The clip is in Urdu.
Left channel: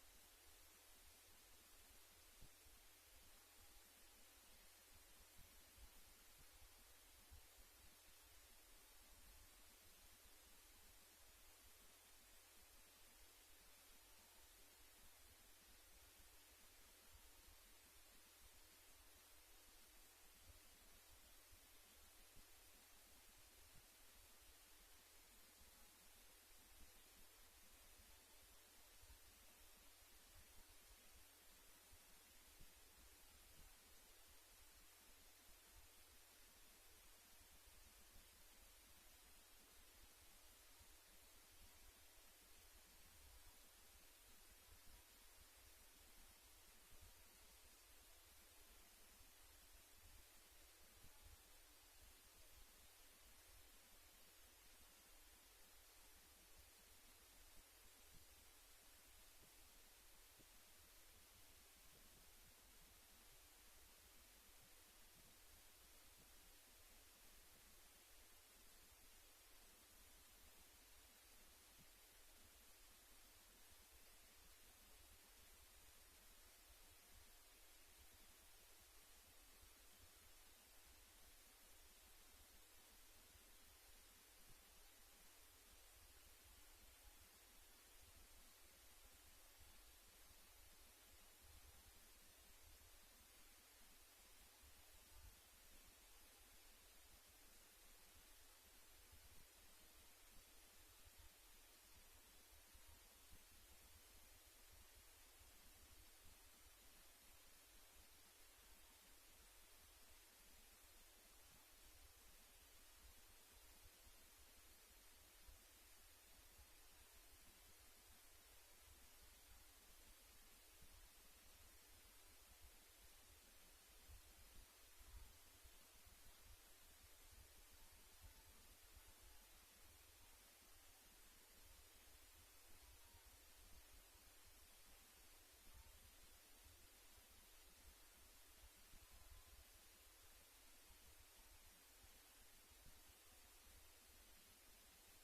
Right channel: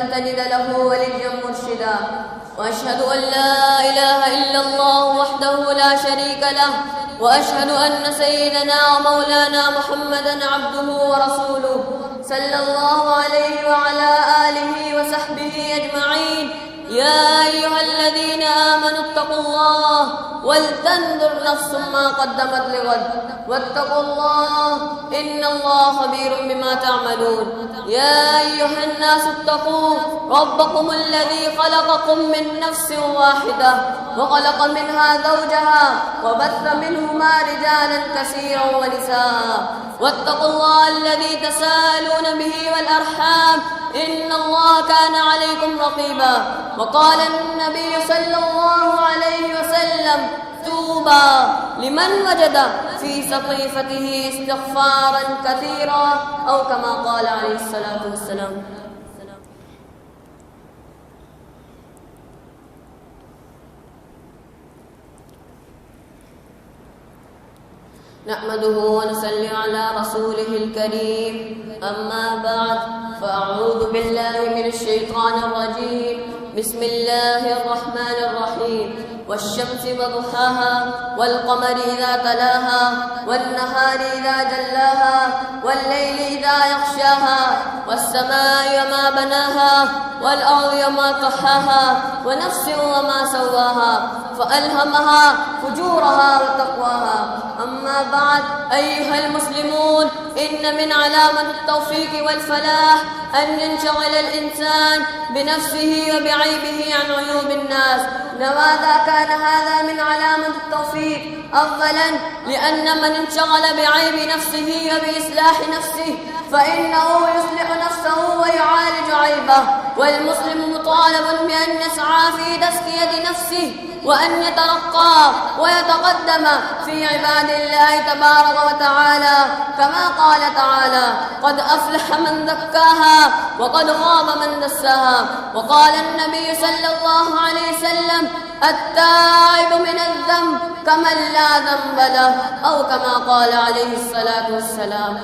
ولن تجد له وليا مرشدا. وأشهد أن لا إله إلا الله وحده لا شريك له، وأشهد أن سيدنا ومولانا محمدًا عبده ورسوله صلى الله عليه وعلى آله وصحبه أجمعين. يا أيها الذين آمنوا اتقوا الله ولتنظر نفس ما قدمت لغد واتقوا الله إن الله خبير بما تعملون. يا أيها الناس اتقوا ربكم الذي خلقكم من نفس واحدة وخلق منها زوجها وبث منهما رجالا كثيرا ونساء، واتقوا الله الذي تساءلون به والأرحام إن الله كان عليكم رقيبا. وقال النبي صلى الله عليه وسلم: طوبى لمن وجد في سقيفته استغفارا كثيرا، أو كما قال عليه الصلاة والسلام. نحمده ونصلي على رسوله الكريم. أما بعد، فأعوذ بالله من الشيطان الرجيم. بسم الله الرحمن الرحيم. والشمس وضحاها والقمر إذا تلاها والنهار إذا جلاها والليل إذا يغشاها والسماء وما بناها والأرض وما طحاها ونفس وما سواها فألهمها فجورها وتقواها. أما بعد، أيها المسلمون، إن من علامة التوفيق والفلاح أن ينشغل الإنسان بنفسه وبعيبه عن عيوب الناس. لماذا كان هذا من علامة التوفيق؟ أولاً، لأن من انشغل بعيب نفسه وبإصلاح نفسه فإنه يصلح نفسه ويعالج عيبه. والمسلم مطالب بأن يسعى في تزكية نفسه وأن يترقى ويتقدم في عباد الله تبارك وتعالى، كما قال تعالى: قد أفلح من زكاها وقد خاب من دساها. وقال النبي صلى الله عليه وسلم: التائب من الذنب كمن لا ذنب له، أو كما قال عليه الصلاة والسلام.